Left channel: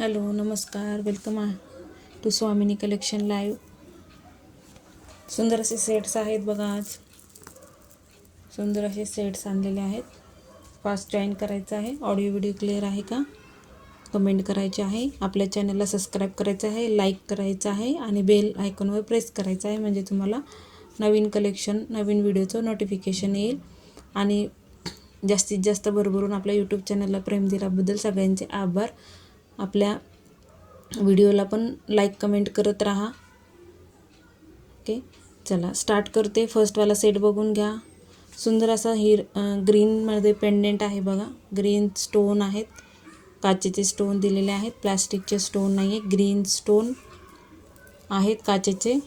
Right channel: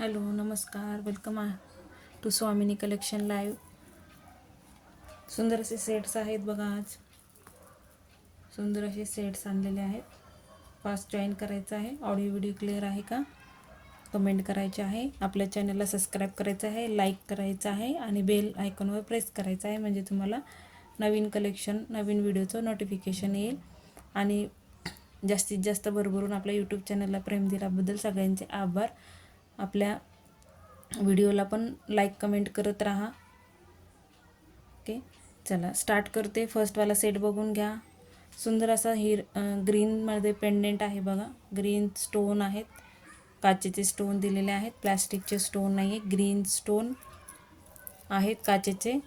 Hello नमस्कार, welcome to Swamini collection live. सुंदर असे सेट्स आहेत बघा. आज सुंदर असे सेट्स आणलेले आहेत. फास्ट जॉईन करायचं आहे. ऑडिओ व्हिडिओ क्लिअर आहे का कमेंट करायचे आहे. आपल्या चॅनलला सबस्क्राईब करायचं आहे, लाईक करायचं आहे आणि बेल आयकॉनवर प्रेस करायचं आहे, म्हणजे तुम्हाला नवीन कलेक्शन नवीन व्हिडिओचं नोटिफिकेशन येईल. आणि जास्तीत जास्त भरभरून आपल्या यूट्यूब चॅनलला प्रेम दिल्याबद्दल सगळ्यांचे आभार. आपल्या व्हिडिओला पण लाईक कमेंट करत राहा. ओके, चला स्टार्ट करते. फर्स्टवाला सेट बघून घ्या. सुंदर असा ग्रीनमध्ये पेंडेंट आहे बघा. ग्रीन स्टोन आहेत, काचेचे स्टोन दिलेले आहेत, प्लास्टिकचे स्टोन नाही आहे. ग्रीन स्टोन आहेत काचेचे.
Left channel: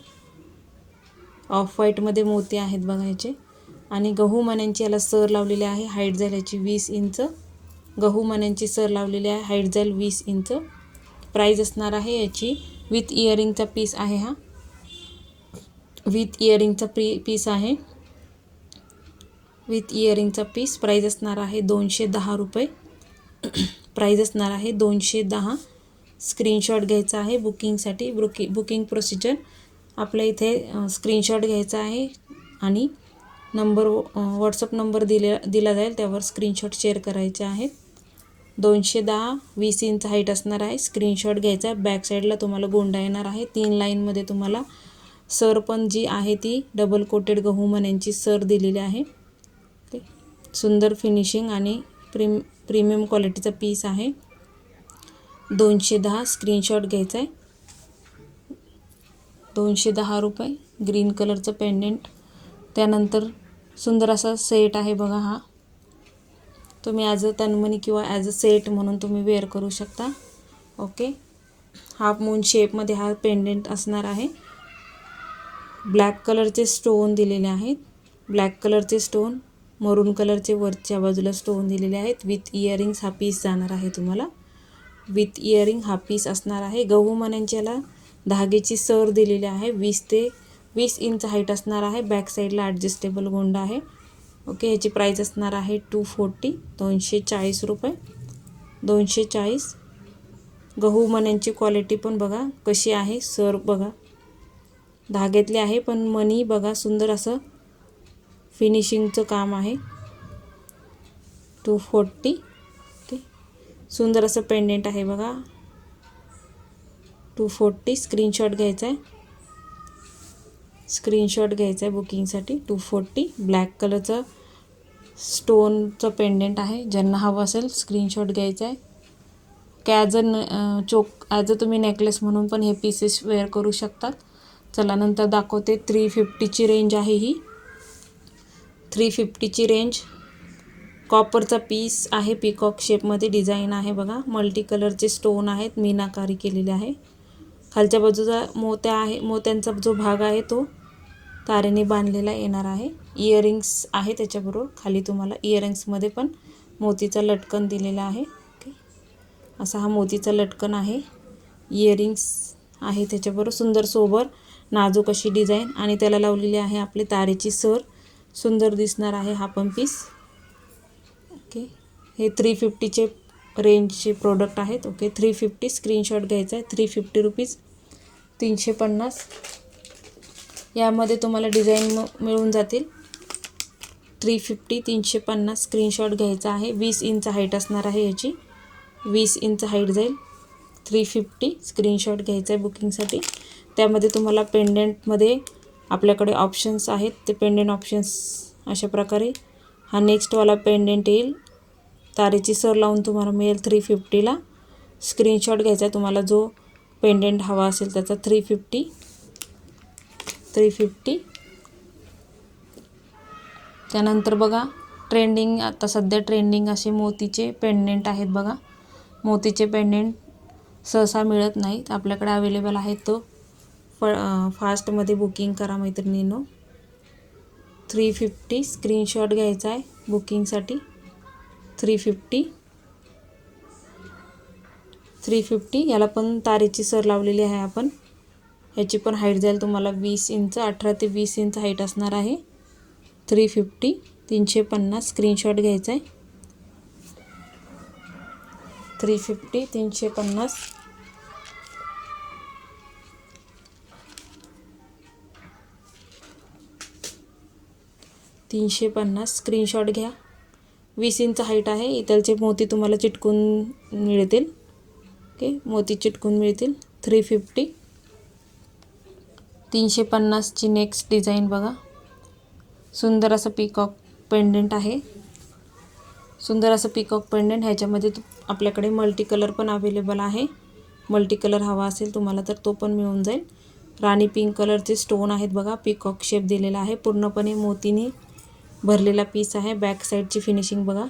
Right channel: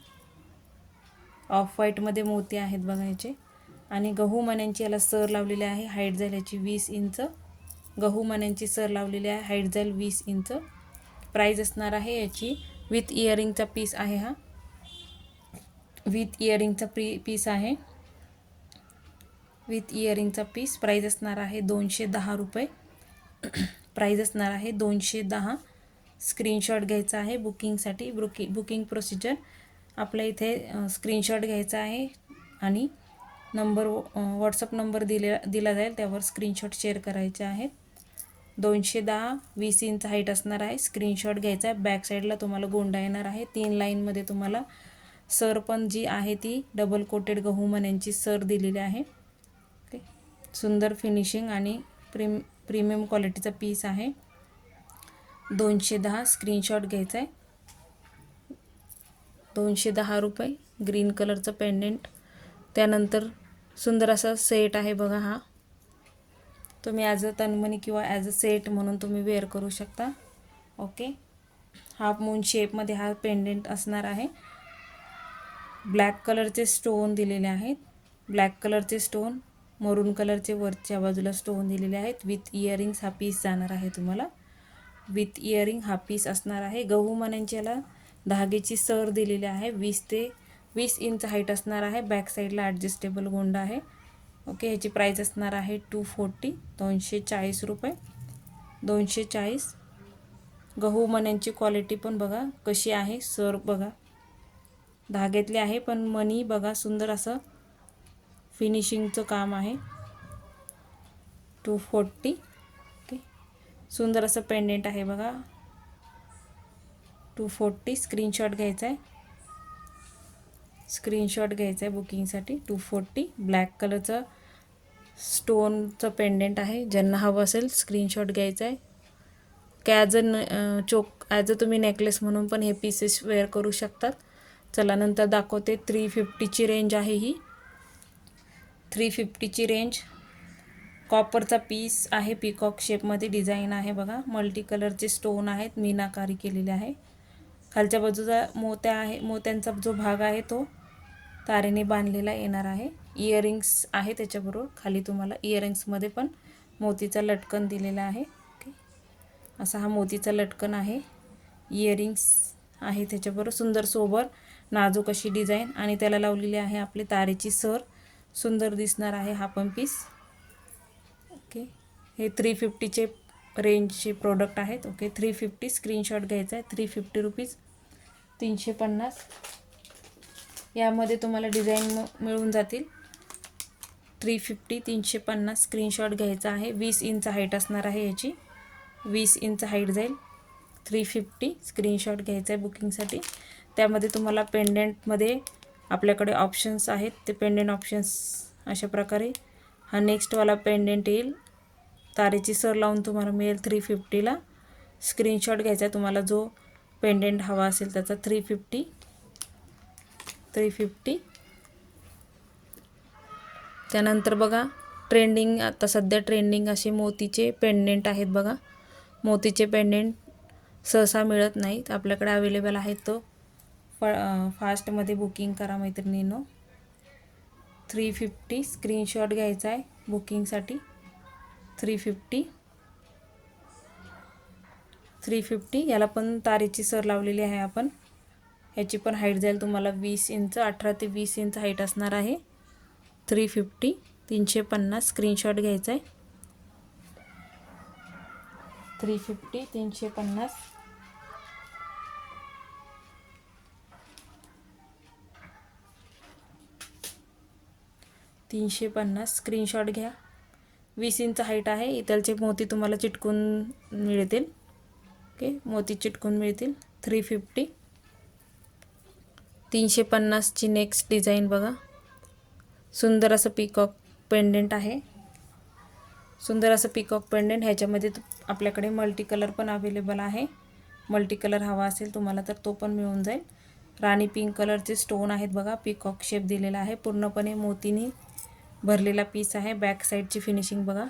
ऑफ व्हाईटमध्ये मोती आहेत बघा याचे. आणि गहू मण्यांची याला सर लावलेली आहे. हाईट जाईल याची 20 इंच. गहू मण्यांची सर लावलेली आहे. हाईट जाईल 20 इंच. प्राईज असणार आहे याची विथ इयरिंगचा पीस आहे. हा विथ इयरिंगचा पीस आहे. विथ इयरिंगचा पीस. प्राईज असणार आहे 210 रुपये. प्राईज असणार आहे 210. स्क्रीनशॉट घ्यायचा आहे बुकिंगसाठी. बुकिंग प्रोसिजर आपल्या इथे स्क्रीनशॉट घ्यायचा आहे आणि व्हॉट्सअप नंबर दिला जाईल, त्यावर स्क्रीनशॉट शेअर करायचे आहेत. 210, 20 इंच हाईट असणार आहे. स्क्रीनशॉट घ्यायचा आहे. बॅक साईडला तुम्हाला गोंडा येणार आहे. 3 लाईनमध्ये तुम्हाला सर पण जी आहे ती डबल कोटेड गहू मण्यांची सर दिलेली आहे. ओके, सुंदर फिनिशिंग आणि प्रीमियम क्वालिटीचा पीस आहे. 210 स्क्रीनशॉट घ्यायचा आहे. 210 रुपये. ग्रीन कलरचं पेंडेंट. त्यानंतर सुंदर असा सेट आहे बघा. हा तुम्ही ॲज अ तन्मणी किंवा ॲज अ सेट म्हणून तुम्ही वेअर करू शकता. ओके, हाफ मून शेपमध्ये हा पेंडेंट असणार आहे. ब्लॅक कलरचे स्टोन दिलेले आहेत. ब्लॅक कलरचे स्टोन, मरून कलरचे वरच्या बाजूला स्टोन दिलेले आहेत. विथ इयरिंग्स हा पीस जाणार आहे तुम्हाला. विथ इयरिंग हा पीस असणार आहे. गहू मण्यांची याला धागेची सर दिलेली आहे. 20 इंच हाईट असणार आहे. बॅक साईडला ॲडजस्टेबल गोंडा आहे. ओके, ह्याची प्राईस असणार आहे 240, 240 रुपये. 240. गहू मण्यांची क्वालिटी पण बघा कशी आहे. सर बघा धाग्यातले आहे, पण मणी बघा सुंदर असं फिनिशिंगचं काम आहे. 240. ओके, सुंदर असं पेंडेंट आहे बघा. 240. स्क्रीनशॉट घ्यायचा आहे. स्क्रीनशॉट घ्यायचा आहे बुकिंगसाठी. 240. ब्लॅक कलरचं स्टोनचं पेंडेंट आहे. ज्यांना हवं असेल स्क्रीनशॉट घ्यायचा आहे. ॲज अ तुम्ही नेकलेस म्हणून पण हे पीसेस वेअर करू शकतात. चला नंतर दाखवते. 350ची रेंज आहे ही. 350ची रेंज. कॉपरचा पीस आहे. पिकॉक शेपमध्ये डिझाईन आहे बघा. मल्टी कलरचे स्टोन आहेत. मीनाकारी केलेले आहे. खालच्या बाजूचा मोत्यांचा जो भाग आहे तो तारेने बांधलेला येणार आहे. इयरिंग्स आहे त्याच्याबरोबर. खाली तुम्हाला इयरिंग्समध्ये पण मोतीचा लटकन दिलेला आहे. ओके, असा हा मोतीचा लटकन आहे. इयरिंग्स आहे त्याच्याबरोबर. सुंदर सोबर नाजूक अशी डिझाईन आणि त्याला लावलेली आहे आपली तारेची सर. सुंदर दिसणार आहे हा पण पीस. ओके, हे 350चे रेंजचे प्रोडक्ट आहेत. ओके, 350. स्क्रीनशॉट घ्यायचा आहे. 350 रुपीज. 350. यामध्ये तुम्हाला डिझाईन मिळून जातील. 350, 350. स्क्रीनशॉट घ्यायचा आहे. 20 इंच हाईट असणार आहे याची. 20 इंच हाईट जाईल. 350. स्क्रीनशॉट घ्यायचा आहे बुकिंगसाठी. त्यामध्ये तुम्हाला पेंडेंटमध्ये आपल्याकडे ऑप्शन्स आहेत. ते पेंडेंट ऑप्शन्स अशा प्रकारे हा नेक्स्टवाला पेंडेंट येईल. तारेची सर लावून तुम्हाला मिळेल 350ला. स्क्रीनशॉट घ्यायचा आहे तुम्हाला जो पेंडेंट हवा असेल त्याचा. 350. त्यानंतर बघा ट्रेंडिंग, आता सध्या ट्रेंडिंग असे मोतीचे पेंडेंट आहेत बघा. मोतीचे पेंडेंट सहसा मिळत नाहीत. आपल्याकडे अवेलेबल आहेत. तो फास्टमध्ये बुकिंग करा मैत्रिणींनो. 350. स्क्रीनशॉट घ्यायचा आहे बुकिंगसाठी. 350. याला पण तारेची सर लावलेली आहे आपण. ह्याची पण हाईट जाईल तुम्हाला 20 इंच. 18 ते 20 इंच हाईट असणार आहे. 350. 350. स्क्रीनशॉट घ्यायचा आहे. 350, 350. 350 स्क्रीनशॉट घ्या. 20 इंच हाईट आहे. इथलचे मोती तुम्हाला चिटकून मिळतील. ओके, मोती चिटकून मिळतील. 350. 350ची नेक्स्ट डिझाईन बघा. सुंदर असं पीकॉक पेंडेंट आहे. सुंदर असं पीकॉक पेंडेंट. ह्याच्यामध्ये आपल्याकडे मल्टी कलर पण अवेलेबल आहे. मल्टी कलर हवा असेल तुम्हाला तर तो पण मिळून जाईल. राणी पिंक कलरचे स्टोन आहेत बघा. पीकॉक शेप दिलेला आहे. पूर्णपणे मोतीने भरलेला पीस आहे. बॅक साईडची फिनिशिंग बघा.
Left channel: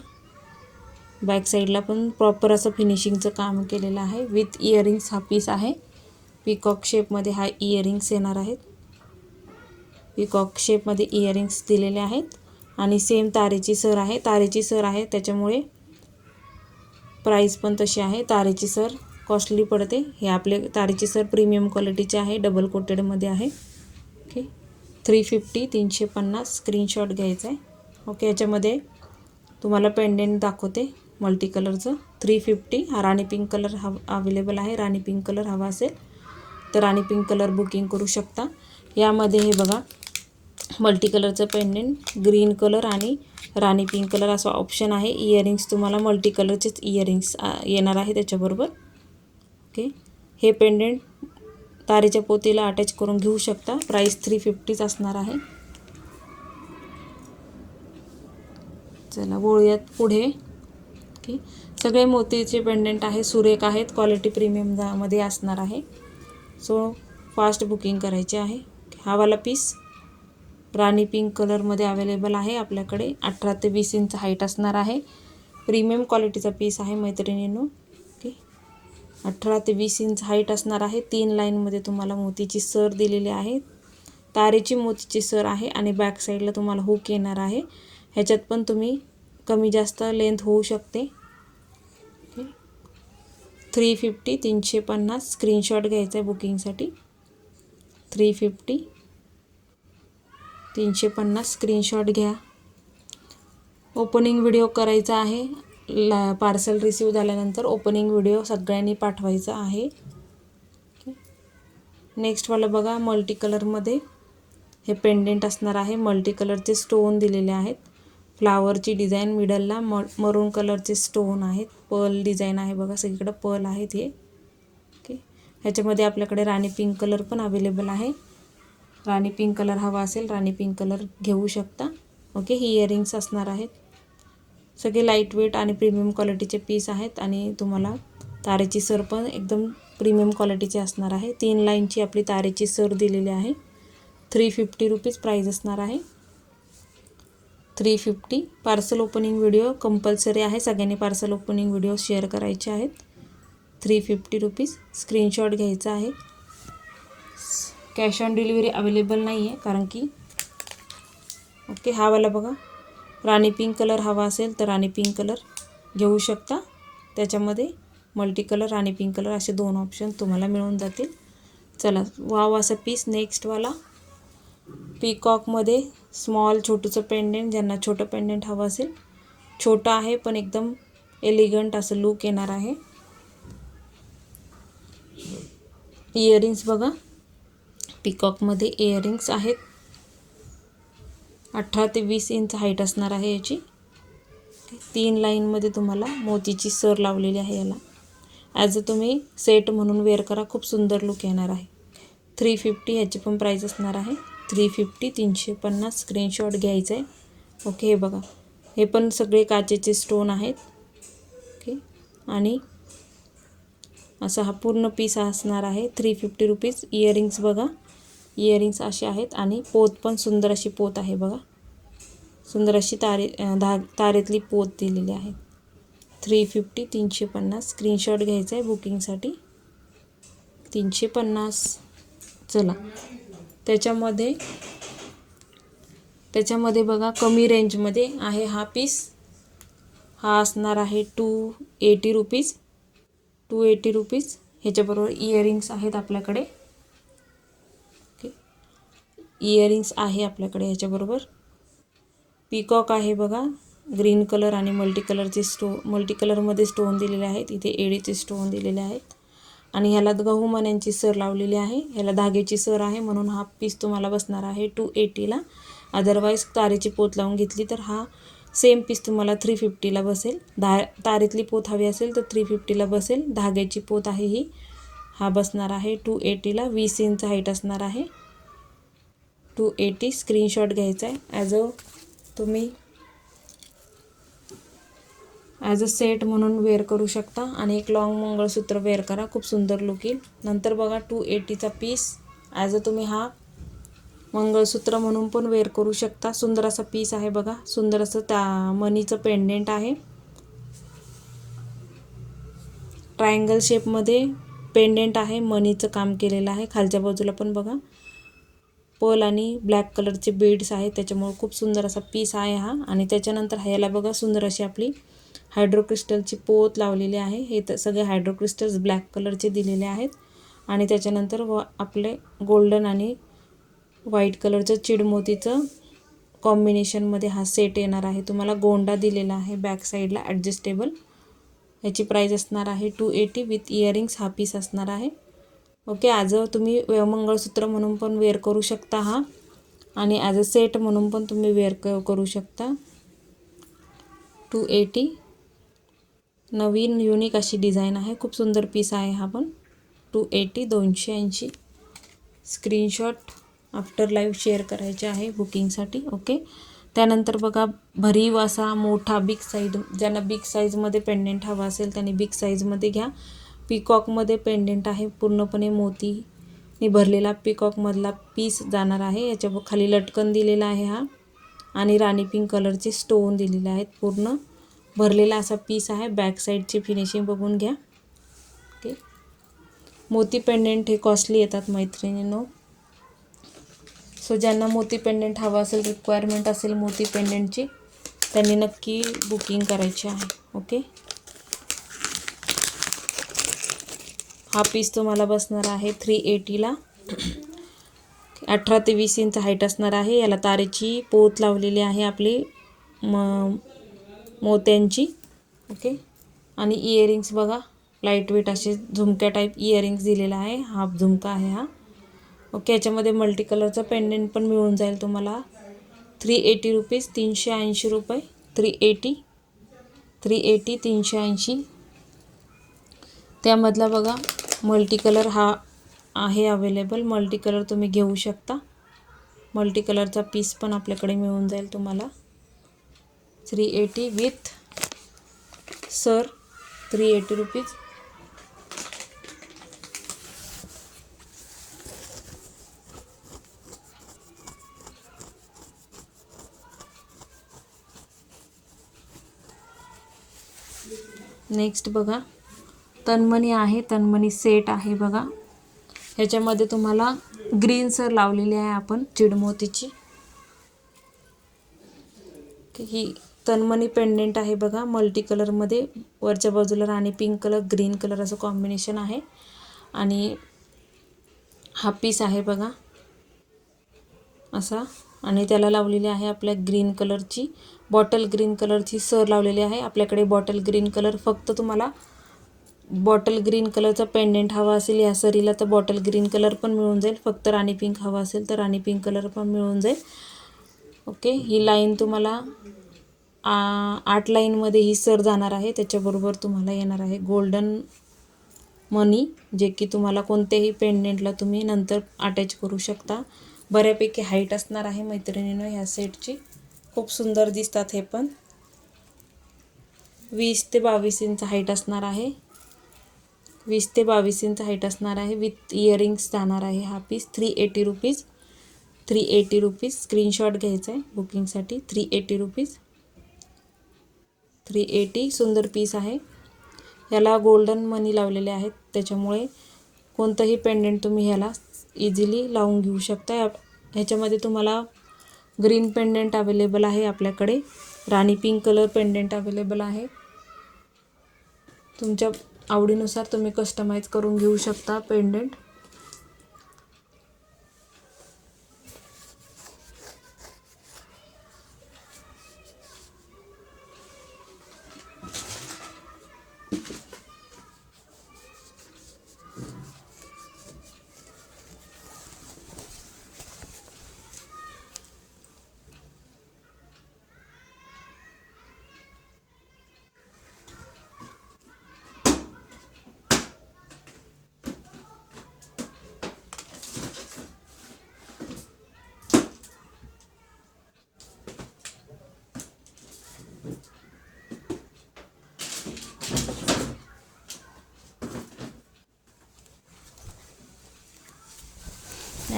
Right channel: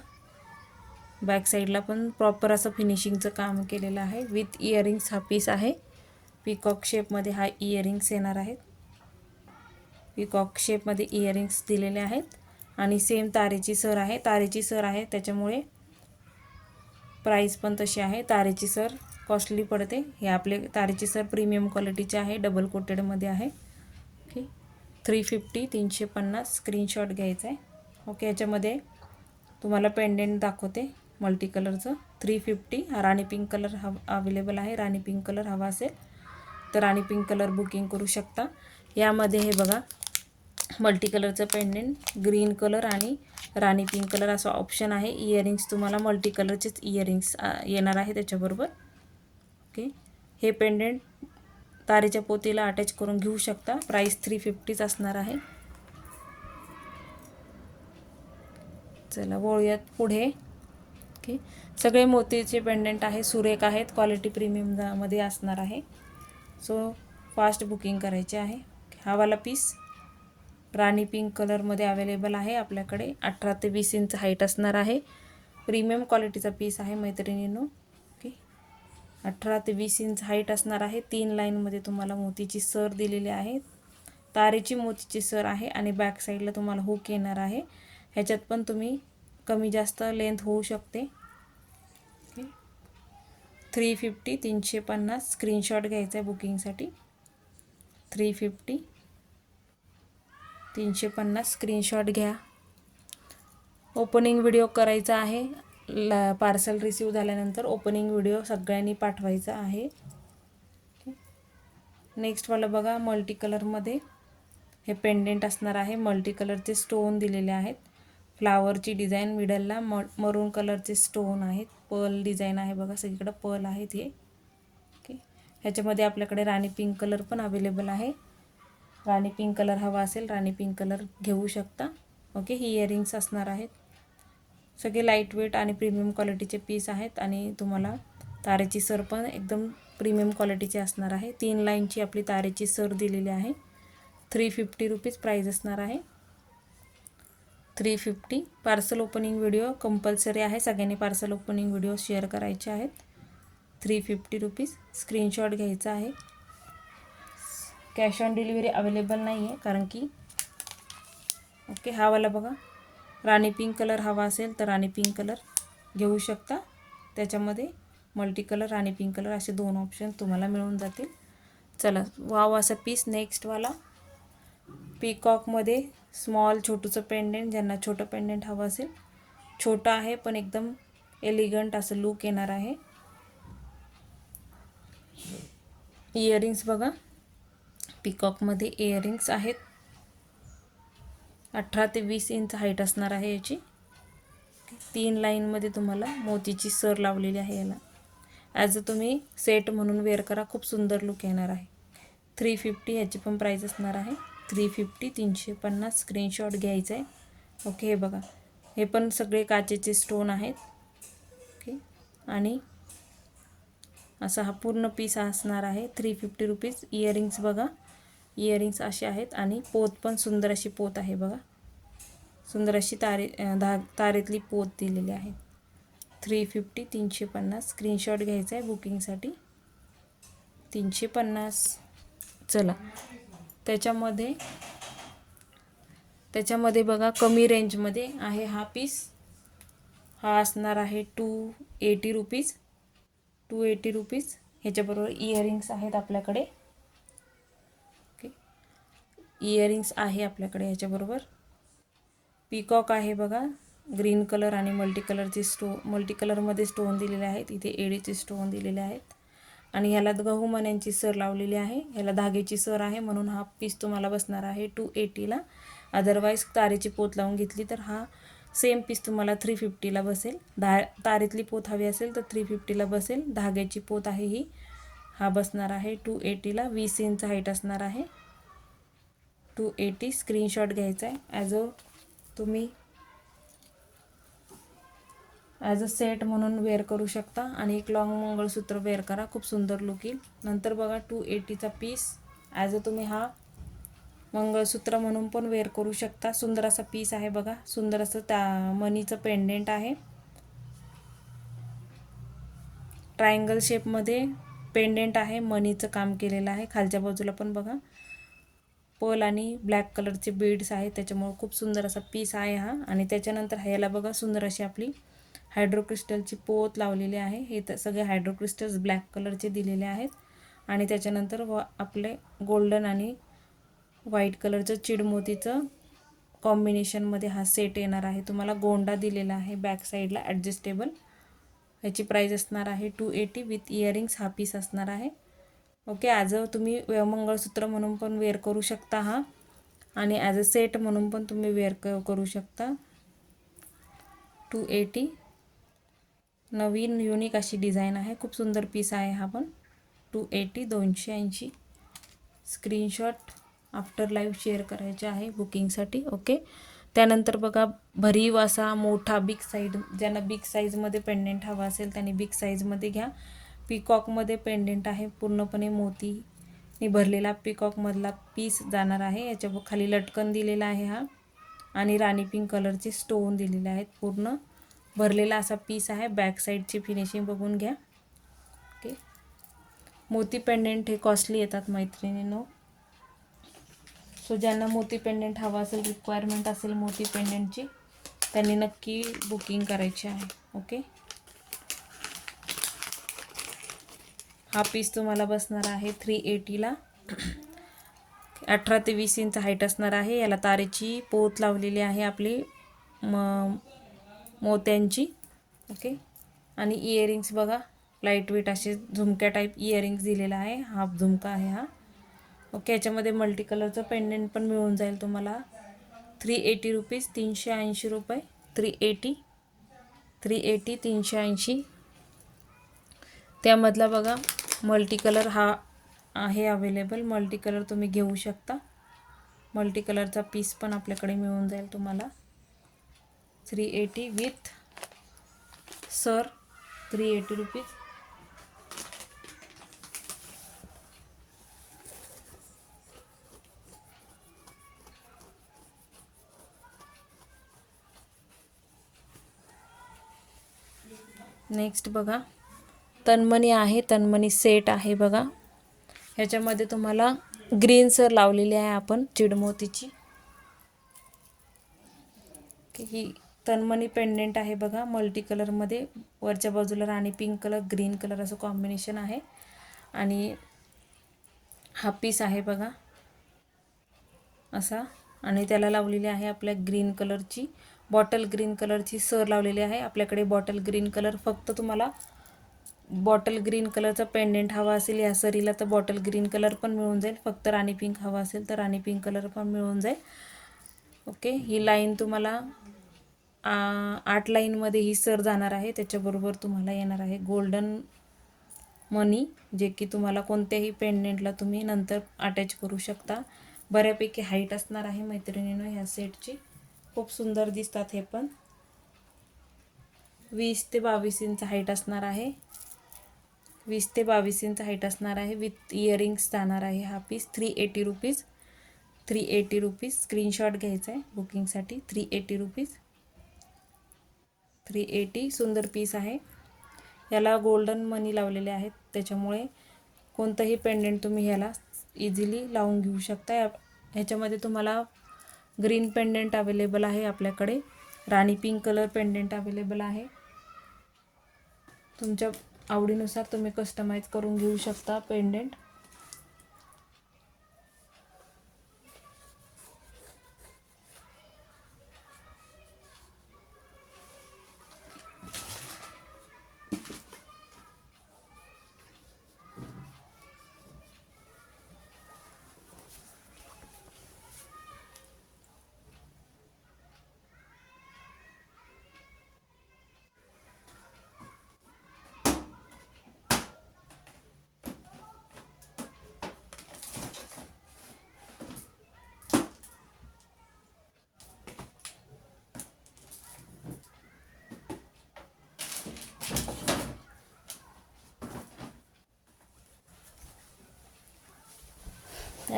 बॅक साईडला पण प्रॉपर असं फिनिशिंगचं काम केलेलं आहे. विथ इयरिंग्स हा पीस आहे. पीकॉक शेपमध्ये हा इयरिंग्स येणार आहेत. पीकॉक शेपमध्ये इयरिंग्स दिलेले आहेत. आणि सेम तारेची सर आहे. तारेची सर आहे त्याच्यामुळे प्राईस पण तशी आहे. तारेची सर कॉस्टली पडते. हे आपले तारेची सर प्रीमियम क्वालिटीचे आहे. डबल कोटेडमध्ये आहे. ओके, 350. 350 स्क्रीनशॉट घ्यायचा आहे. ओके, याच्यामध्ये तुम्हाला पेंडेंट दाखवते मल्टी कलरचं. 350. हा राणी पिंक कलर अवेलेबल आहे. राणी पिंक कलर हवा असेल तर राणी पिंक कलर बुकिंग करू शकता. यामध्ये हे बघा मल्टी कलरचं पेंडेंट, ग्रीन कलर आणि राणी पिंक कलर असं ऑप्शन आहे. इयरिंग्स तुम्हाला मल्टी कलरचेच इयरिंग्स येणार आहे त्याच्याबरोबर. ओके, हे पेंडेंट तारेच्या पोतीला अटॅच करून घेऊ शकता. प्राईस 350च असणार आहे. चला वळूयात पुढे. ओके, सगळे मोतीचे पेंडेंट आहे. सुरेख आहेत. क्वालिटी प्रीमियममध्ये असणार आहे. सो फास्ट बुकिंग करायचे आहे. हा वाला पीस राणी पिंक कलरमध्ये अवेलेबल आहे आपल्याकडे. 18 ते 20 इंच हाईट असणार आहे. प्रीमियम क्वालिटीचा पीस आहे मैत्रिणींनो. ओके, 18 ते 20 इंच हाईट असणार आहे. 3 लाईनमध्ये तुम्हाला मोतीची सर दिलेली आहे. तारेची मोतीची सर आहे आणि बॅक साईडला तुम्हाला हुक येणार आहे. ह्याच्यात पण तुम्ही कमी जास्त लेंथ होऊ शकते. 350. 350 स्क्रीनशॉट घ्यायचा आहे बुकिंगसाठी. 350. 350 स्क्रीनशॉट घ्या. ओपनिंग व्हिडिओ करायचा आहे. पार्सल रिसीव झाल्यानंतर ओपनिंग व्हिडिओ सगळ्यांनी पाठवायचा आहे. नेक्स्टवाला बघा मल्टी कलरमध्ये हे पेंडेंट असणार आहे. मल्टी कलरचे स्टोन दिलेले आहेत. फ्लावरची डिझाईन मिडलला मरून कलरचे स्टोन आहेत. पर्ल डिझाईन आहे बघा. सगळीकडे पर्ल आहेत हे. ओके, ह्याच्यामध्ये आपल्याकडे राणी पिंक कलर पण अवेलेबल आहे. राणी पिंक कलर हवा असेल राणी पिंक कलर घेऊ शकता. ओके, ही इयरिंग्स असणार आहेत. सगळे लाईट वेट आणि प्रीमियम क्वालिटीचे पीस आहेत. आणि तुम्हाला तारेची सर पण एकदम प्रीमियम क्वालिटीचे असणार आहे. 3 लाईनची आपली तारेची सर दिलेली आहे. 350 रुपीज प्राईज असणार आहे. 350. पार्सल ओपनिंग व्हिडिओ कंपल्सरी आहे. सगळ्यांनी पार्सल ओपनिंग व्हिडिओ शेअर करायचे आहेत. 350 रुपीज स्क्रीनशॉट घ्यायचा आहे. कॅश ऑन डिलिव्हरी अवेलेबल नाही आहे कारण की. ओके, हा वाला बघा राणी पिंक कलर हवा असेल तर राणी पिंक कलर घेऊ शकता. त्याच्यामध्ये मल्टी कलर राणी पिंक कलर असे 2 ऑप्शन तुम्हाला मिळून जातील. चला वाव असा पीस. नेक्स्टवाला पीकॉकमध्ये स्मॉल छोटूचं पेंडेंट. ज्यांना छोटं पेंडेंट हवं असेल, छोटं आहे पण एकदम एलिगंट असं लुक येणार आहे. इयरिंग्स बघा. पीकॉकमध्ये इयरिंग्स आहेत. 18 ते 20 इंच हाईट असणार आहे याची. 3 लाईनमध्ये तुम्हाला मोतीची सर लावलेली आहे. याला ॲज अ तुम्ही सेट म्हणून वेअर करा. खूप सुंदर लुक येणार आहे. 350 ह्याची पण प्राईस असणार आहे. 350. 350 स्क्रीनशॉट घ्यायचा आहे. ओके, हे बघा हे पण सगळे काचेचे स्टोन आहेत. ओके, आणि असा हा पूर्ण पीस असणार आहे. 350 रुपीज. इयरिंग्स बघा. इयरिंग्स असे आहेत आणि पोत पण सुंदर अशी पोत आहे बघा. सुंदर अशी तारेतली पोत दिलेली आहे. 350. 350 स्क्रीनशॉट घ्यायचा आहे बुकिंगसाठी. 350. चला त्याच्यामध्ये बघा कमी रेंजमध्ये आहे हा पीस. हा असणार आहे 280 रुपीज. 280 रुपीज. ह्याच्याबरोबर इयरिंग्स आहेत आपल्याकडे. ओके, इयरिंग्स आहे आपल्याकडे ह्याच्याबरोबर. पीकॉक आहे बघा. ग्रीन कलर आणि मल्टी कलरमध्ये स्टोन दिलेले आहेत. इथे एडीचे स्टोन दिलेले आहेत. आणि ह्याला गहू मण्यांची सर लावलेली आहे. ह्याला धागेची सर आहे म्हणून हा पीस तुम्हाला बसणार आहे 280ला. अदरवाईज तारेची पोत लावून घेतली तर हा सेम पीस तुम्हाला 350ला बसेल. तारेतली पोत हवी असेल तर 350ला बसेल. धाग्याची पोत आहे ही, हा बसणार आहे 280ला. 20 इंच हाईट असणार आहे. 280 स्क्रीनशॉट घ्यायचा आहे. तुम्ही ॲज अ सेट म्हणून वेअर करू शकता आणि एक लॉंग मंगळसूत्र वेअर करा, खूप सुंदर लुक येईल. नंतर बघा 280चा पीस ॲज अ तुम्ही हा मंगळसूत्र म्हणून पण वेअर करू शकता. सुंदर असा पीस आहे बघा, सुंदर असं त्या मनीचं पेंडेंट आहे. ट्रायंगल शेपमध्ये पेंडेंट आहे, मनीचं काम केलेलं आहे. खालच्या बाजूला पण बघा पर्ल आणि ब्लॅक कलरचे बीड्स आहेत, त्याच्यामुळे खूप सुंदर असा पीस आहे हा. आणि त्याच्यानंतर ह्याला बघा सुंदर अशी आपली हायड्रो क्रिस्टलची पोत लावलेली आहे. हे तर सगळे हायड्रो क्रिस्टल्स ब्लॅक कलरचे दिलेले आहेत. आणि त्याच्यानंतर आपले गोल्डन आणि व्हाईट कलरचं चिडमोतीचं कॉम्बिनेशनमध्ये हा सेट येणार आहे. तुम्हाला गोंडा दिलेला आहे बॅक साईडला ॲडजस्टेबल. ह्याची प्राईस असणार आहे 280 विथ इयरिंग्स. हा पीस असणार आहे. ओके, ॲज अ तुम्ही मंगळसूत्र म्हणून पण वेअर करू शकता हा, आणि ॲज अ सेट म्हणून पण तुम्ही वेअर करू शकता. 280 नवीन युनिक अशी डिझाईन आहे, खूप सुंदर पीस आहे हा पण. 280 280 स्क्रीनशॉट आफ्टर लाईव्ह शेअर करायचे आहे बुकिंगसाठी. ओके, त्यानंतर बघा भरीव असा मोठा बिग साईज, ज्यांना बिग साईजमध्ये पेंडेंट हवा असेल त्यांनी बिग साईजमध्ये घ्या. पिकॉकमध्ये पेंडेंट आहे, पूर्णपणे मोतीने भरलेला पिकॉकमधला पीस जाणार आहे. याच्या खाली लटकन दिलेला आहे हा, आणि राणी पिंक कलरचे स्टोन दिलेले आहेत. पूर्ण भरलेला असा पीस आहे. बॅक साईडची फिनिशिंग बघून घ्या. ओके, मोती पेंडेंट हे कॉस्टली येतात मैत्रिणींनो. सो ज्यांना मोती पेंडेंट हवा असेल, रिक्वायरमेंट असेल मोती पेंडेंटची, त्यांनी नक्की बुकिंग करायची आहे. ओके, हा पीस तुम्हाला बसणार आहे 380ला. 18 ते 20 इंच हाईट असणार आहे. याला तारेची पोत लावलेली आहे आपली मोत्यांची. ओके, आणि इयरिंग्स बघा लाईट वेट असे झुमक्या टाईप इयरिंग्स दिलेला आहे. हाफ झुमका आहे हा. ओके, याच्यामध्ये मल्टी कलरचं पेंडेंट पण मिळून जाईल तुम्हाला. 380 रुपीज, 380 रुपये. 380 380. त्यामधला बघा मल्टी कलर हा आहे अवेलेबल. मल्टी कलर तुम्ही घेऊ शकता. मल्टी कलरचा पीस पण आपल्याकडे मिळून जाईल तुम्हाला. 380 विथ सर 380 रुपीज. नेक्स्ट बघा तन्मणी आहे, तन्मणी सेट आहे बघा. ह्याच्यामध्ये तुम्हाला ग्रीन सर लावलेली आहे आपण चिडमोतीची. ही तन्मणी पेंडेंट आहे बघा, मल्टी कलरमध्ये. वरच्या बाजूला राणी पिंक कलर, ग्रीन कलर असं कॉम्बिनेशन आहे. आणि हा पीस आहे बघा असा, आणि त्याला लावलेली आहे आपल्या ग्रीन कलरची, बॉटल ग्रीन कलरची सर लावलेली आहे. आपल्याकडे बॉटल ग्रीन कलर, फक्त तुम्हाला बॉटल ग्रीन कलरचा पेंडेंट हवा असेल या सरीला तर बॉटल ग्रीन कलर पण मिळून जाईल. फक्त राणी पिंक हवा असेल तर राणी पिंक कलर पण मिळून जाईल. ओके, ही लाईन तुम्हाला 8 लाईनमध्ये ही सर जाणार आहे. त्याच्याबरोबर तुम्हाला येणार आहे गोल्डन मनी, जे की तुम्हाला कोणत्याही पेंडेंटला तुम्ही नंतर अटॅच करू शकता. बऱ्यापैकी हाईट असणार आहे मैत्रिणींनो ह्या सेटची. खूप सुंदर दिसतात हे पण. 20 ते 22 इंच हाईट असणार आहे. 20 ते 22 इंच हाईट असणार आहे. विथ इयरिंग्स जाणार आहे हा पीस. 380 रुपीज. 380 रुपीज. स्क्रीनशॉट घ्यायचा आहे बुकिंगसाठी. 380 रुपीज. 380. सुंदर पीस आहे. याला गोल्डन मनी लावलेले आहेत, त्याच्यामुळे कोणतंही पेंडेंट तुम्ही ह्याला इझिली लावून घेऊ शकता. ह्याच्यामध्ये तुम्हाला ग्रीन पेंडेंट अवेलेबल आहे आपल्याकडे. राणी पिंक कलर पेंडेंट अवेलेबल आहे. तुमच्या आवडीनुसार तुम्ही कस्टमाइज करून घेऊ शकता पेंडेंट.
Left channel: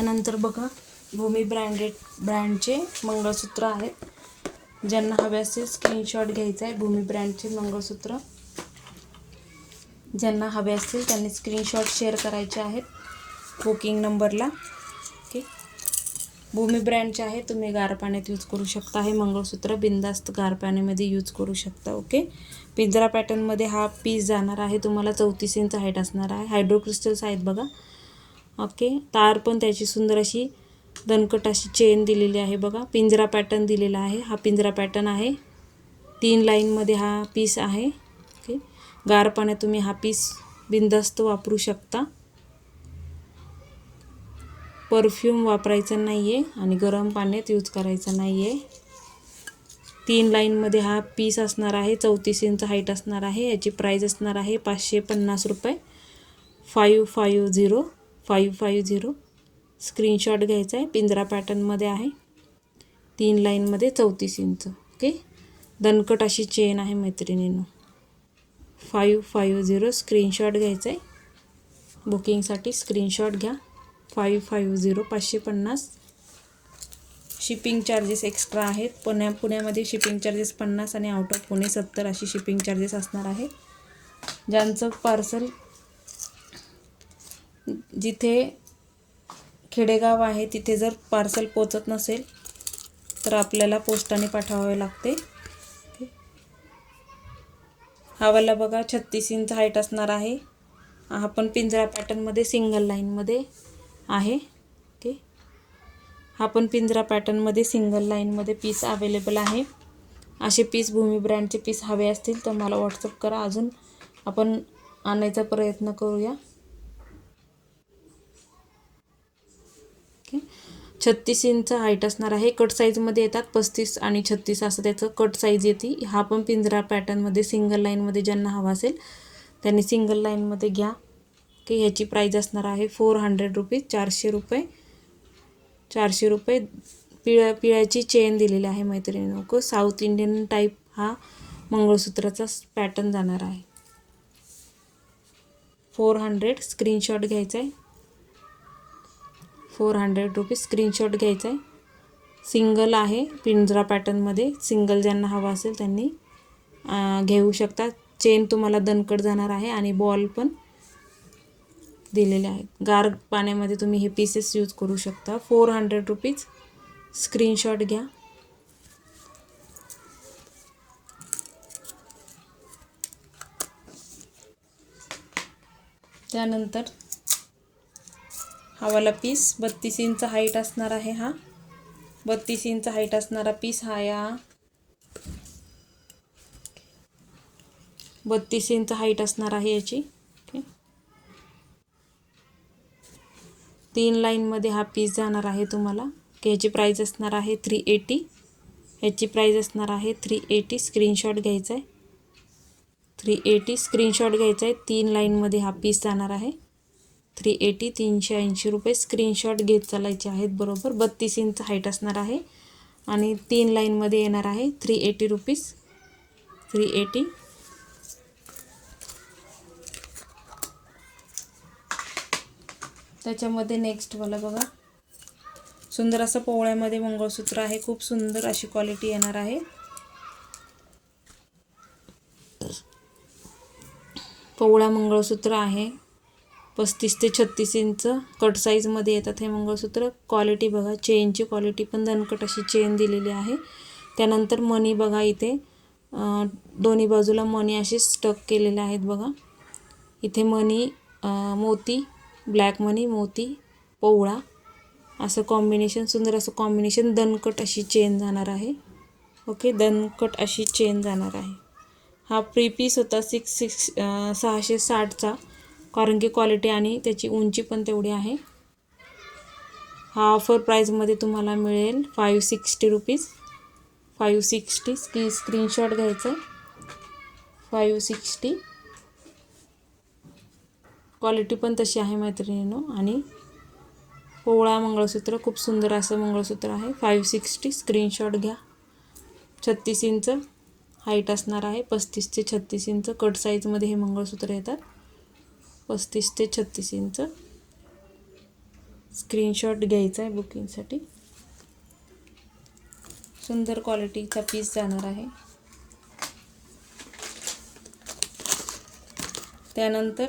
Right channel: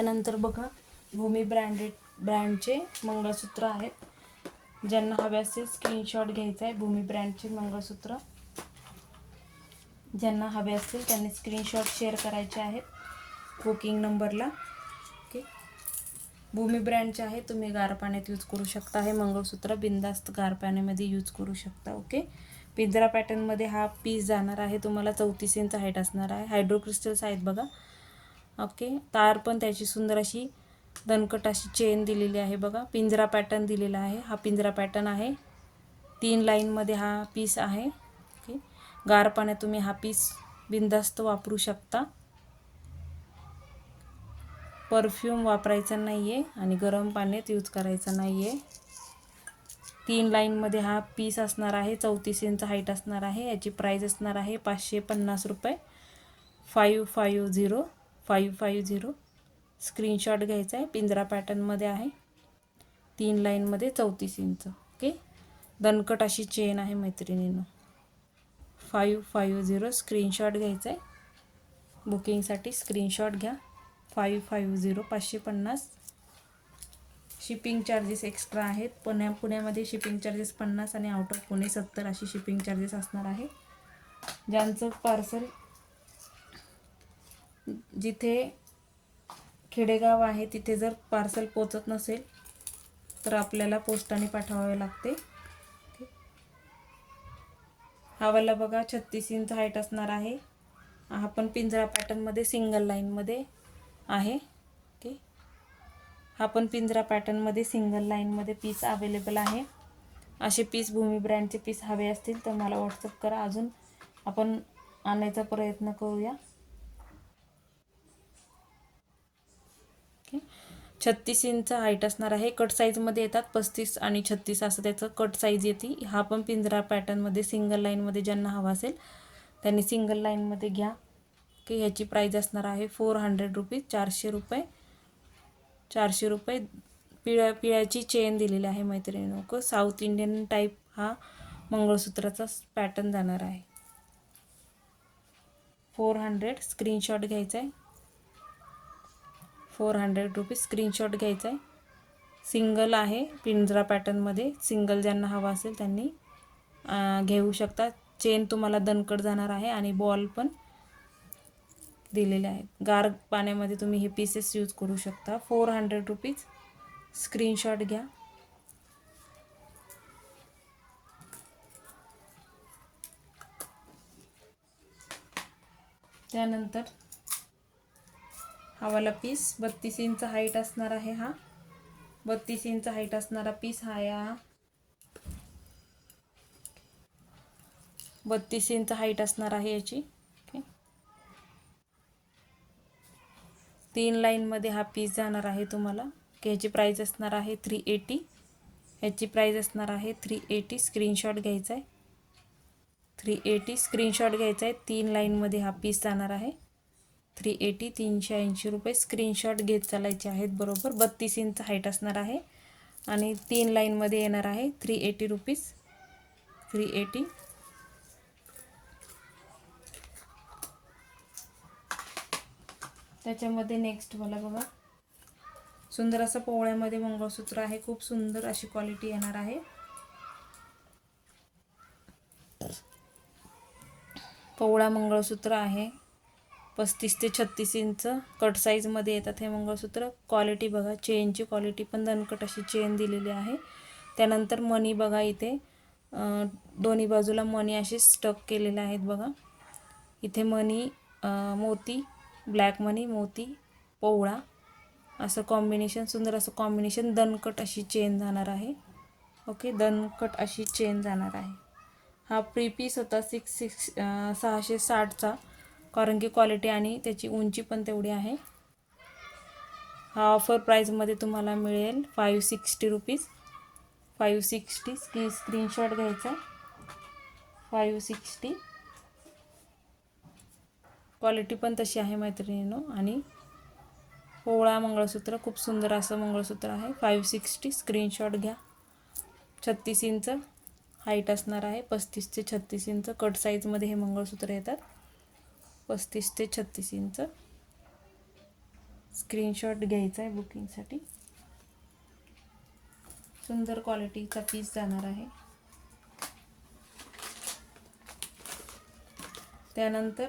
त्यानंतर बघा भूमी ब्रँडचे मंगळसूत्र आहेत. ज्यांना हवे असेल स्क्रीनशॉट घ्यायचा आहे. भूमी ब्रँडचे मंगळसूत्र ज्यांना हवे असतील त्यांनी स्क्रीनशॉट शेअर करायचे आहेत बुकिंग नंबरला. ओके, भूमी ब्रँडचे आहे. तुम्ही गार पाण्यात यूज करू शकता. हे मंगळसूत्र बिंदास्त गार पाण्यामध्ये यूज करू शकता. ओके, पिंजरा पॅटर्नमध्ये हा पीस जाणार आहे तुम्हाला. 34 इंच हाईट असणार आहे. हायड्रो क्रिस्टल्स आहेत बघा. ओके, तार पण त्याची सुंदर अशी दणकट अशी चेन दिलेली आहे बघा. पिंजरा पॅटर्न दिलेला आहे. हा पिंजरा पॅटर्न आहे. 3 लाईनमध्ये हा पीस आहे. ओके, गार पाण्यात तुम्ही हा पीस बिंदास्त वापरू शकता. परफ्यूम वापरायचा नाही आहे आणि गरम पाण्यात यूज करायचा नाही आहे. 3 लाईनमध्ये हा पीस असणार आहे. 34 इंच हाईट असणार आहे. याची प्राईस असणार आहे 550 रुपये. 550 स्क्रीनशॉट घ्यायचा आहे. पिंजरा पॅटर्नमध्ये आहे. 3 लाईनमध्ये 34 इंच. ओके, दणकट अशी चेन आहे मैत्रिणींनो. 550 स्क्रीनशॉट घ्यायचा आहे. बुकिंगसाठी स्क्रीनशॉट घ्या. 550 शिपिंग चार्जेस एक्स्ट्रा आहेत. पुण्यामध्ये शिपिंग चार्जेस 50 आणि आउट ऑफ पुणे 70 अशी शिपिंग चार्जेस असणार आहे. ज्यांचं पार्सल जिथे खेडेगाव आहे तिथे जर पार्सल पोचत नसेल तर आपल्याला पोस्टाने पाठवावे लागते. हा वाला बघा 36 इंच हाईट असणार आहे. हा पण पिंजरा पॅटर्नमध्ये सिंगल लाईनमध्ये आहे. ओके, हा पण पिंजरा पॅटर्नमध्ये सिंगल लाईनमध्ये पीस अवेलेबल आहे. असे पीस भूमी ब्रँडचे पीस हवे असतील तर मला व्हॉट्सअप करा. अजून आपण आणायचा प्रयत्न करूया. ओके, 36 इंच हाईट असणार आहे. कट साईजमध्ये येतात 35 आणि 36 असं त्याचं कट साईज येते. हा पण पिंजरा पॅटर्नमध्ये सिंगल लाईनमध्ये ज्यांना हवा असेल त्यांनी सिंगल लाईनमध्ये घ्या. ओके, ह्याची प्राईज असणार आहे 400 रुपीज. 400 रुपये. पिळ्याची चेन दिलेली आहे मैत्रिणींनो. साऊथ इंडियन टाईप हा मंगळसूत्राचा पॅटर्न जाणार आहे. 400 स्क्रीनशॉट घ्यायचा आहे. 400 रुपीज स्क्रीनशॉट घ्यायचा आहे. सिंगल आहे पिंजरा पॅटर्नमध्ये. सिंगल ज्यांना हवा असेल त्यांनी घेऊ शकता. चेन तुम्हाला दणकट जाणार आहे आणि बॉल पण दिलेले आहेत. गार पाण्यामध्ये तुम्ही हे पीसेस यूज करू शकता. 400 रुपीज स्क्रीनशॉट घ्या. त्यानंतर हा वाला पीस 32 इंच हाईट असणार आहे. हा 32 इंच हाईट असणारा पीस हा या 32 इंच हाईट असणार आहे याची. ओके, 3 लाईनमध्ये हा पीस जाणार आहे तुम्हाला. ह्याची प्राईज असणार आहे 380. ह्याची प्राईज असणार आहे 380. स्क्रीनशॉट घ्यायचा आहे. 380 स्क्रीनशॉट घ्यायचा आहे. 3 लाईनमध्ये हा पीस जाणार आहे. 380 380 रुपये स्क्रीनशॉट घेत चालायचे आहेत बरोबर. 32 इंच हाईट असणार आहे आणि 3 लाईनमध्ये येणार आहे. 380 रुपीज. 380. त्याच्यामध्ये नेक्स्ट वाला बघा सुंदर असं पोवळ्यामध्ये मंगळसूत्र आहे. खूप सुंदर अशी क्वालिटी येणार आहे. पोवळा मंगळसूत्र आहे. 35 ते 36 इंच कट साईजमध्ये येतात हे मंगळसूत्र. क्वालिटी बघा, चेनची क्वालिटी पण दणकट अशी चेन दिलेली आहे. त्यानंतर मणी बघा, इथे दोन्ही बाजूला मणी असे स्टक केलेले आहेत बघा. इथे मणी मोती, ब्लॅक मनी, मोती, पोवळा असं कॉम्बिनेशन, सुंदर असं कॉम्बिनेशन. दणकट अशी चेन जाणार आहे. ओके, दणकट अशी चेन जाणार आहे. हा प्री पीस होता 660चा, कारण की क्वालिटी आणि त्याची उंची पण तेवढी आहे. हा ऑफर प्राईजमध्ये तुम्हाला मिळेल 560 रुपीज. 560 स्क्रीनशॉट घ्यायचा आहे. 560 क्वालिटी पण तशी आहे मैत्रिणींनो. आणि पोवळा मंगळसूत्र, खूप सुंदर असं मंगळसूत्र आहे. 560 स्क्रीनशॉट घ्या. 36 इंच हाईट असणार आहे. 35 ते 36 इंच कट साईजमध्ये हे मंगळसूत्र येतात. 35 ते 36 इंच. स्क्रीनशॉट घ्यायचा आहे बुकिंगसाठी. सुंदर क्वालिटीचा पीस जाणार आहे. त्यानंतर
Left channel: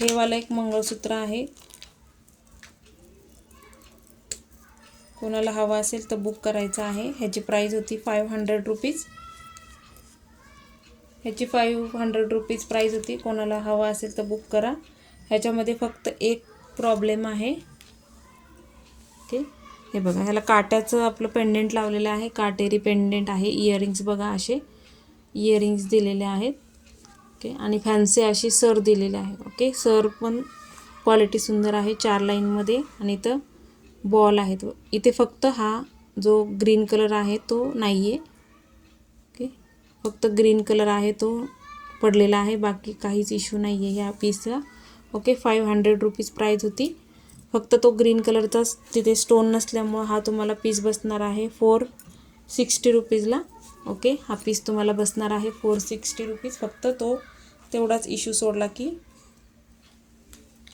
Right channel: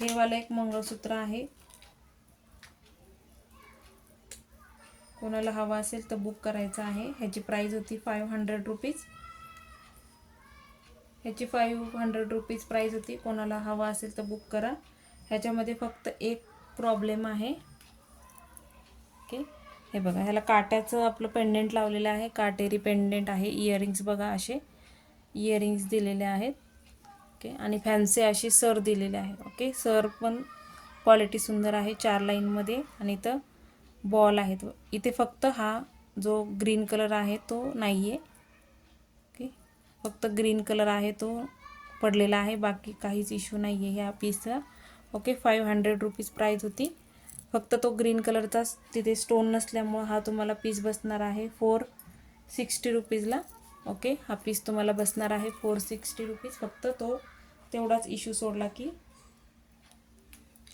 हे वाला एक मंगळसूत्र आहे. कोणाला हवा असेल तर बुक करायचं आहे. ह्याची प्राईस होती 500 रुपीज. ह्याची 500 रुपीज प्राईस होती. कोणाला हवा असेल तर बुक करा. ह्याच्यामध्ये फक्त एक प्रॉब्लेम आहे. ओके, हे बघा, ह्याला काट्याचं आपलं पेंडेंट लावलेलं आहे. काटेरी पेंडेंट आहे. इयरिंग्स बघा, असे इयरिंग्स दिलेले आहेत. ओके, आणि फॅन्सी अशी सर दिलेले आहे. ओके, सर पण क्वालिटी सुंदर आहे. 4 लाईनमध्ये. आणि इथं बॉल आहेत. इथे फक्त हा जो ग्रीन कलर आहे तो नाही आहे. ओके, फक्त ग्रीन कलर आहे तो पडलेला आहे. बाकी काहीच इश्यू नाही आहे ह्या पीसचा. ओके, 500 रुपीज प्राईज होती. फक्त तो ग्रीन कलरचाच तिथे स्टोन नसल्यामुळं हा तुम्हाला पीस बसणार आहे 460 रुपीजला. ओके, हा पीस तुम्हाला बसणार आहे 460 रुपीज. फक्त तो तेवढाच इश्यू सोडला की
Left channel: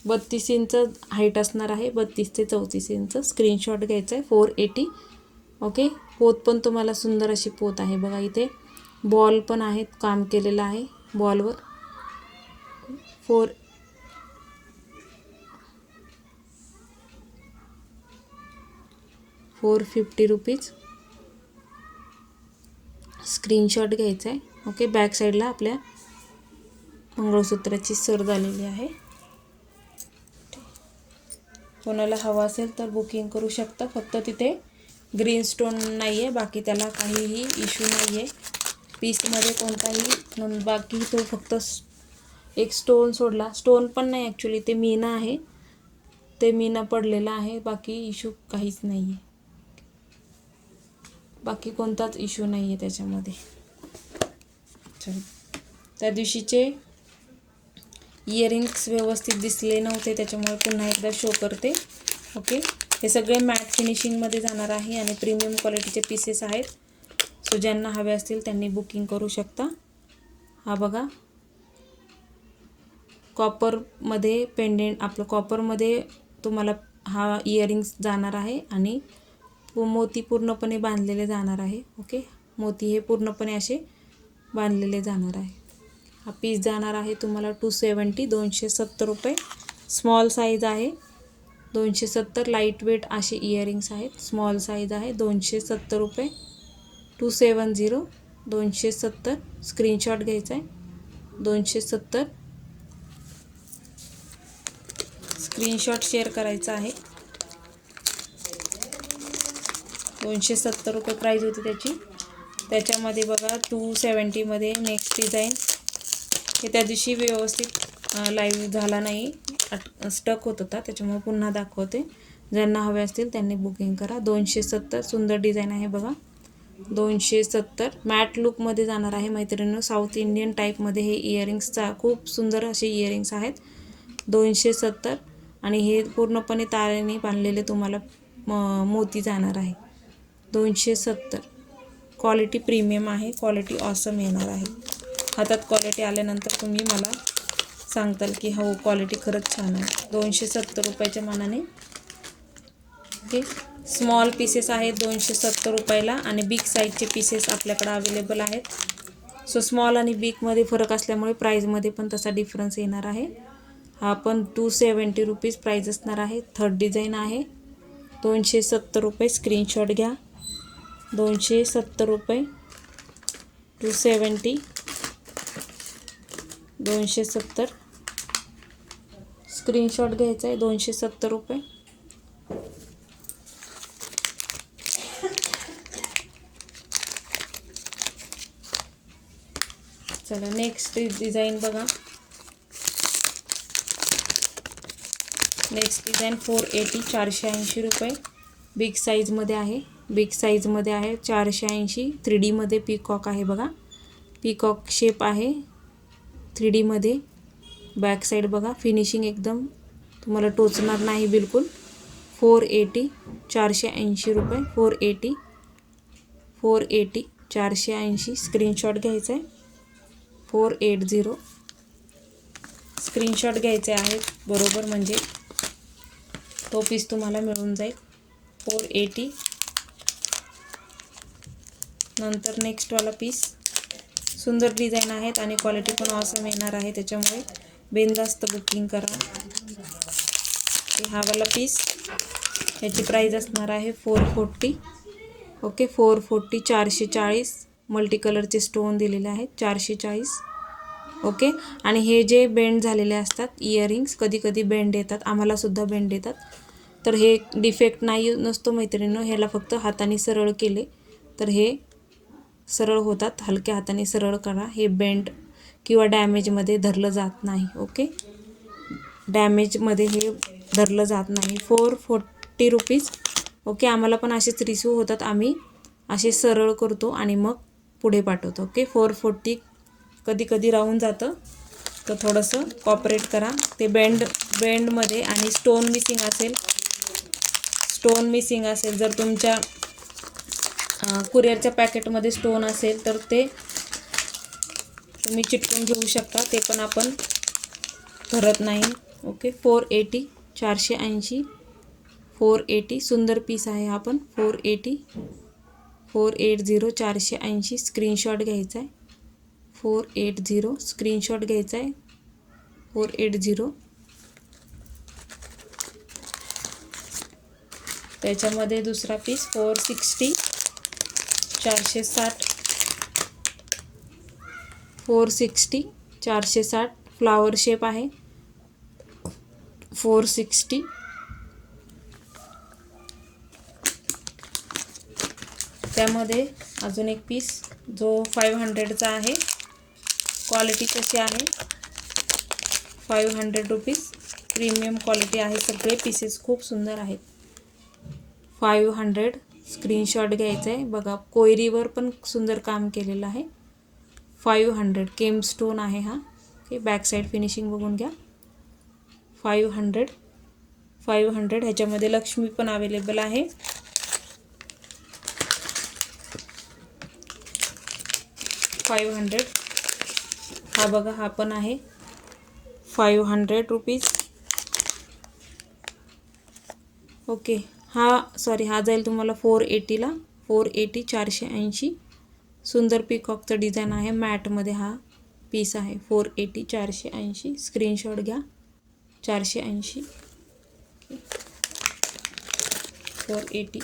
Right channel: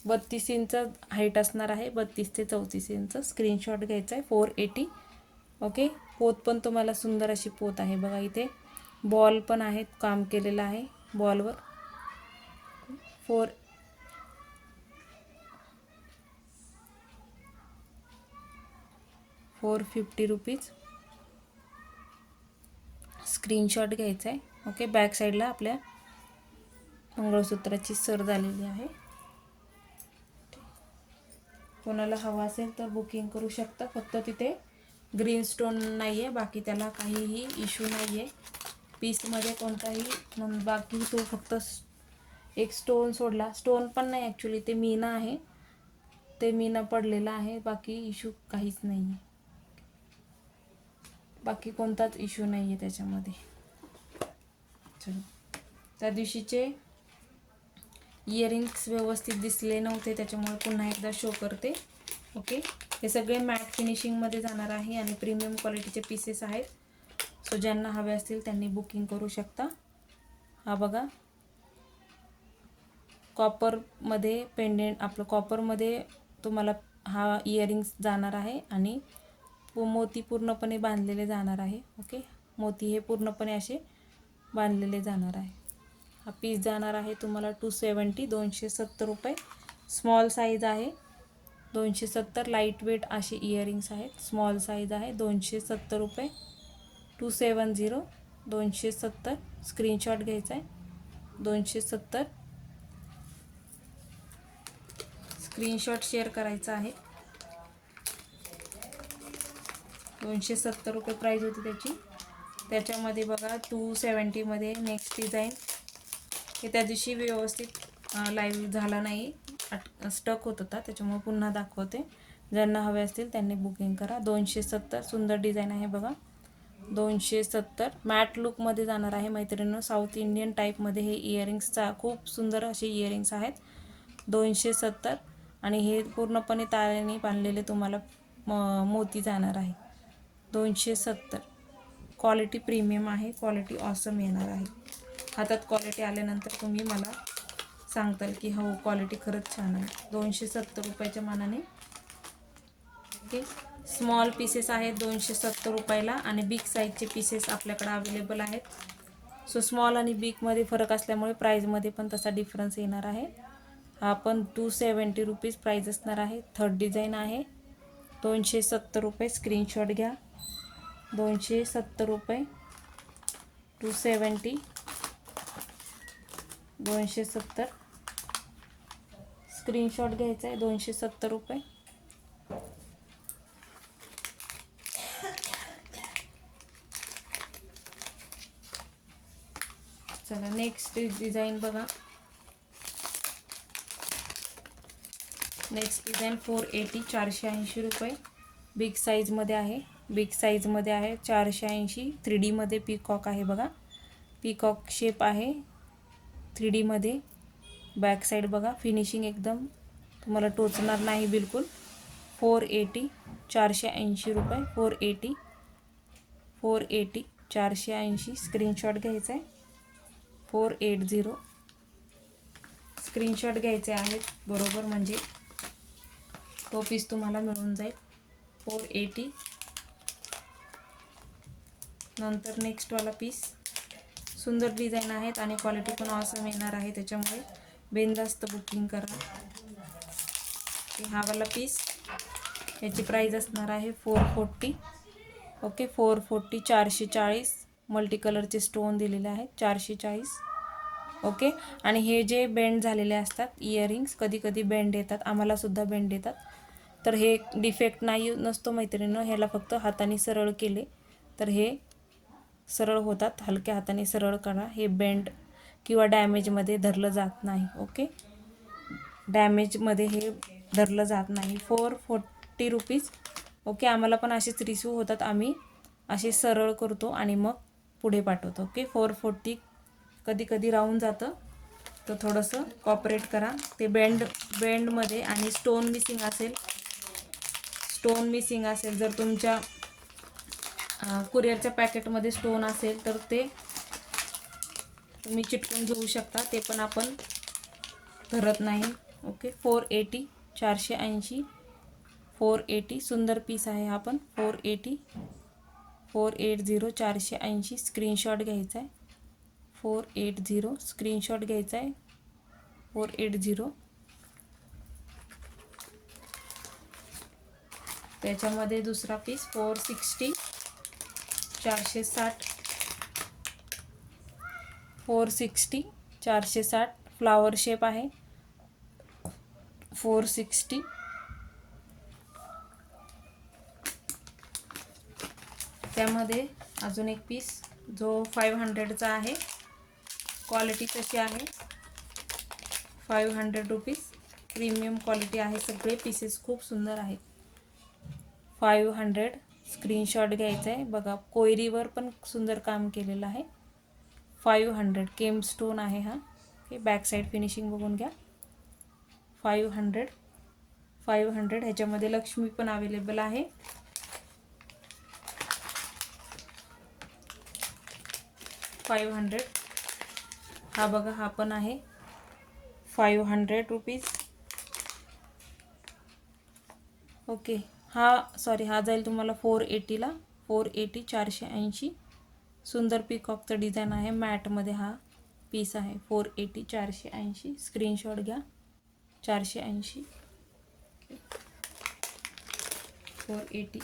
32 इंच हाईट असणार आहे. 32 ते 34 इंच. स्क्रीनशॉट घ्यायचा आहे. 480. ओके, पोत पण तुम्हाला सुंदर अशी पोत आहे बघा. इथे बॉल पण आहेत, काम केलेलं आहे बॉलवर. 450 रुपीज. स्क्रीनशॉट घ्यायचा आहे. ओके, बॅक साईडला आपल्या मंगळसूत्राची सर झालेली आहे. कोणाला हवा असेल तर बुकिंग करू शकता. फक्त तिथे ग्रीन स्टोन नाही आहे, बाकी त्याला काहीही इश्यू नाही आहे पीसमध्ये कोणताही. बाकी तो फक्त एक स्टोन सोडला, स्टोन पण नाही ॲक्च्युली, ते मीना आहे, ते मीना पडलेला आहे. बाकी इश्यू काहीच नाही आहे. बाकी कोणताच इश्यू नाही आहे त्याच्यामध्ये. त्या दिवशीचे इयरिंग्स व्यवस्थित दिसले नव्हते, त्याच्यामुळे पुन्हा एकदा शो करते. ओके, हे सगळे मॅट फिनिशिंगमध्ये जाणार आहे आणि प्रीमियम क्वालिटीचे पीसेस आहेत. सो ज्यांना हवे असतील त्यांनी बुकिंग करू शकता. हा बघा, कॉपरमध्ये पेंडेंट, आपलं कॉपरमध्ये तुम्हाला हा इयरिंग्स जाणार आहे आणि मोती पूर्णपणे बांधलेले जाणार आहे. ओके, मोती हे पूर्णपणे असे बांधलेले जाणार आहे. हा पीस जाणार आहे तुम्हाला 270, 270 रुपये. स्मॉल साईज आहे 270. लाईट वेट असे इयरिंग्स आहेत. स्मॉल साईज आहे 270 रुपये. 270, 270. स्क्रीनशॉट घ्यायचा आहे. 270 स्क्रीनशॉट शेअर करायचा आहे. 270 रुपये प्राईज होती त्याची. त्याच्यामध्ये बघा 270मध्ये नेक्स्ट डिझाईन. हे त्या दिवशी व्यवस्थित लाईव्ह झाला नाही, स्टक होत होता, त्याच्यामुळे पुन्हा दाखवते. ज्यांना हवे असतील त्यांनी बुकिंग करा. 270 सुंदर डिझाईन आहे बघा. 270 मॅट लुकमध्ये जाणार आहे मैत्रिणींनो. साऊथ इंडियन टाईपमध्ये हे इयरिंग्सचा खूप सुंदर असे इयरिंग्स आहेत. 270 आणि हे पूर्णपणे तारेने बांधलेले तुम्हाला मोती जाणार आहे. 270. क्वालिटी प्रीमियम आहे. क्वालिटी ऑसम येणार आहे. हातात क्वालिटी आल्यानंतर तुम्ही मला सांगताल की हो क्वालिटी खरंच छान आहे. 270 रुपयाच्या मानाने. ओके, स्मॉल पीसेस आहेत 270 रुपयाला आणि बिग साईजचे पीसेस आपल्याकडे अवेलेबल आहेत. सो स्मॉल आणि बिगमध्ये फरक असल्यामुळे प्राईजमध्ये पण तसा डिफरन्स येणार आहे. हा पण 270 रुपीज प्राईज असणार आहे. थर्ड डिझाईन आहे. 270 रुपये. स्क्रीनशॉट घ्या. 270 रुपये. 270, 270. स्क्रीनशॉट घ्यायचा आहे. 270 रुपये. चला नेक्स्ट डिझाईन बघा. नेक्स्ट डिझाईन 480, 480 रुपये. बिग साईजमध्ये आहे. बिग साईजमध्ये आहे 480. 3Dमध्ये पीकॉक आहे बघा. पीकॉक शेप आहे 3Dमध्ये. बॅक साईड बघा, फिनिशिंग एकदम तुम्हाला टोचणार नाही बिलकुल. 480, 480 रुपये. 480, 480, 480. स्क्रीनशॉट घ्यायचा आहे. 480. स्क्रीनशॉट घ्यायचे आहेत बरोबर, म्हणजे तो पीस तुम्हाला मिळून जाईल 480. नंतर नेक्स्टवाला पीस, सुंदर डिझाईन आहेत आणि क्वालिटी पण ऑसम येणार आहे, त्याच्यामुळे बिनधास्त बुकिंग करा. हा वाला पीस, याची प्राईस असणार आहे 440. ओके, 440, 440. मल्टी कलरचे स्टोन दिलेले आहेत, 440. ओके, आणि हे जे बेंड झालेले असतात इयरिंग्स, कधी कधी बेंड येतात, आम्हालासुद्धा बेंड येतात, तर हे डिफेक्ट नाही नसतो मैत्रिणींनो. ह्याला फक्त हाताने सरळ केले तर हे सरळ होतात. हलक्या हाताने सरळ करा, हे बेंड किंवा डॅमेजमध्ये धरलं जात नाही. ओके, डॅमेजमध्ये हे धरलं जात नाही. 440 रुपीज. ओके, आम्हाला पण असेच रिसीव होतात, आम्ही असे सरळ करतो आणि मग पुढे पाठवतो. ओके, 440. कधी कधी राहून जातं, तर थोडंसं कॉपरेट करा. ते बेंडमध्ये आणि स्टोन मिसिंग असेल, जर तुमच्या कुरिअरच्या पॅकेटमध्ये स्टोन असेल तर ते तुम्ही चिटकून घेऊ शकता, ते पण आपण धरत नाही. ओके, 480, 480, 480. सुंदर पीस आहे हा पण, 480, 480. स्क्रीनशॉट घ्यायचा आहे 480, स्क्रीनशॉट घ्यायचा आहे 480. त्याच्यामध्ये दुसरा पीस 460, 460, 460, 460. फ्लावर शेप आहे 460. त्यामध्ये अजून एक पीस जो 500चा आहे. क्वालिटी कशी आहे? 500 रुपीज. प्रीमियम क्वालिटी आहे, सगळे पीसेस खूप सुंदर आहेत. 500. स्क्रीनशॉट घ्यायचा आहे. बघा, कोयरीवर पण सुंदर काम केलेलं आहे. 500. केम स्टोन आहे हा. ओके, बॅक साईड फिनिशिंग बघून घ्या. 500. ह्याच्यामध्ये लक्ष्मी पण अवेलेबल आहे. 500. हा बघा, हा पण आहे 500 रुपीज. ओके, हा जाईल तुम्हाला 480ला. 480, 480. सुंदर पिकॉकचं डिझाईन आहे, मॅटमध्ये हा पीस आहे. 480, 480. स्क्रीनशॉट घ्या. 480, 480.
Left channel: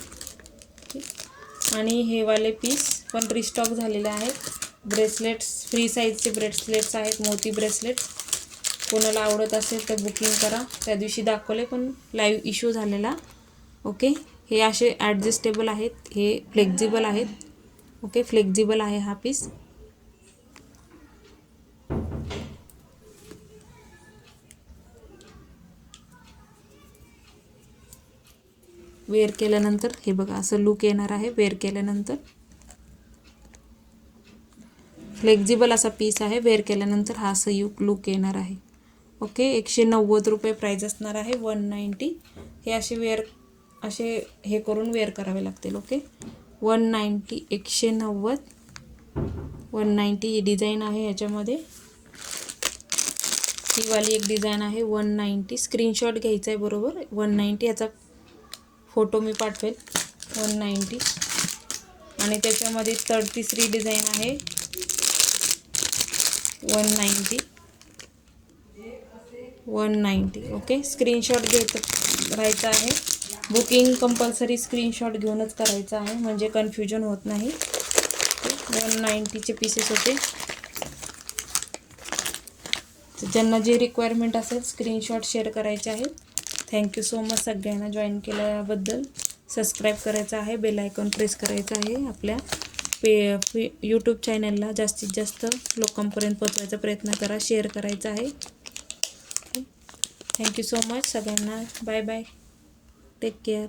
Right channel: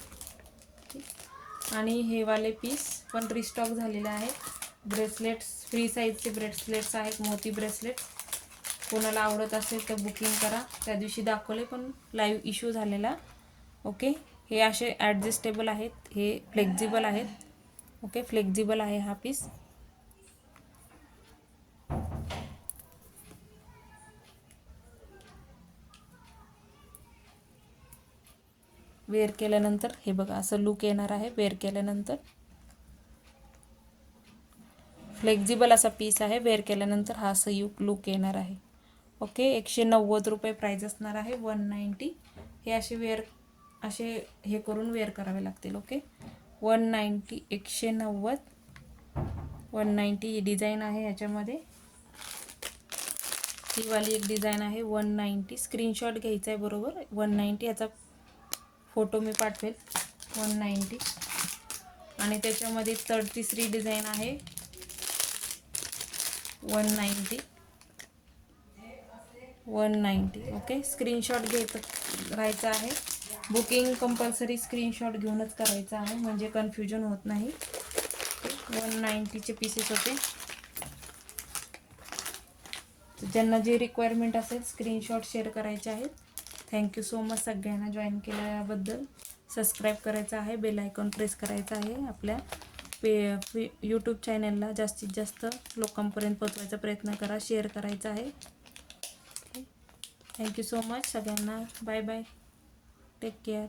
आणि हे वाले पीस पण रिस्टॉक झालेले आहेत. ब्रेसलेट्स, फ्री साईजचे ब्रेसलेट्स आहेत, मोती ब्रेसलेट्स. कोणाला आवडत असेल तर बुकिंग करा. त्या दिवशी दाखवले पण लाईव्ह इश्यू झालेला. ओके, हे असे ॲडजस्टेबल आहेत, हे फ्लेक्झिबल आहेत. ओके, फ्लेक्झिबल आहे हा पीस. वेअर केल्यानंतर हे बघा, असं लुक येणार आहे वेअर केल्यानंतर. फ्लेक्झिबल असा पीस आहे, वेअर केल्यानंतर हा असं लुक येणार आहे. ओके, 190 रुपये प्राईज असणार आहे. 190. हे असे हे करून वेअर करावे लागतील. ओके, 190, 190. 190 ही डिझाईन आहे. याच्यामध्ये ही वाली एक डिझाईन आहे 190. स्क्रीनशॉट घ्यायचा आहे बरोबर. 190 याचा फोटो मी पाठवेल. 190. आणि त्याच्यामध्ये तिसरी डिझाईन आहे 190. 190. ओके, स्क्रीनशॉट घेत राहायचं आहे. बुकिंग कंपल्सरी स्क्रीनशॉट घेऊनच करायचं आहे, म्हणजे कन्फ्युजन होत नाही. 190चे पीसेस होते. ज्यांना जे रिक्वायरमेंट असेल स्क्रीनशॉट शेअर करायचे आहेत. थँक्यू सो मच सगळ्यांना जॉईन केल्याबद्दल. सबस्क्राईब करायचं आहे, बेल आयकॉन प्रेस करायचं आहे. आपल्या यूट्यूब चॅनलला जास्तीत जास्त लोकांपर्यंत पोहोचवायचा प्रयत्न करा, शेअर करायचा आहे. थँक्यू सो मच सगळ्यांना. Bye bye, take care.